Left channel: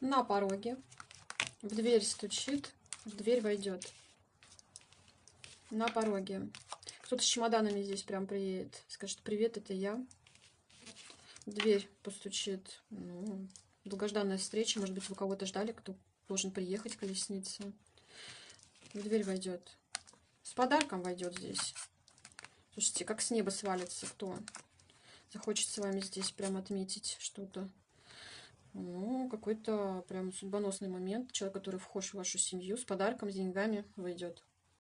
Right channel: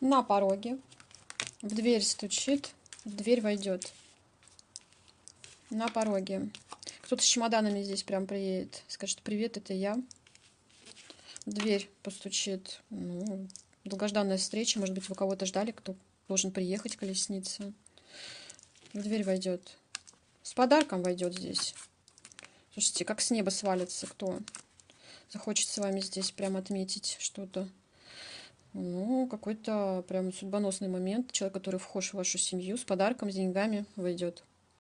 На пороге. В дверь стучит. В дверь войдет. На пороге. Кто-то с чемоданами здесь прям приедет. Скажет: привет, это я. В дверь постучит. Ну, долгожданная встреча. Может быть, вы кого-то ждали, кто должен приехать, колесница. В дверь войдет. С подарком войдет здесь. Слушайте, как с неба свалится. Кто захочет с вами здесь прям отметить что-то. Ну, какой-то прям судьбоносный момент. Человек, который вхож в вашу семью, с подарком, с деньгами войдет.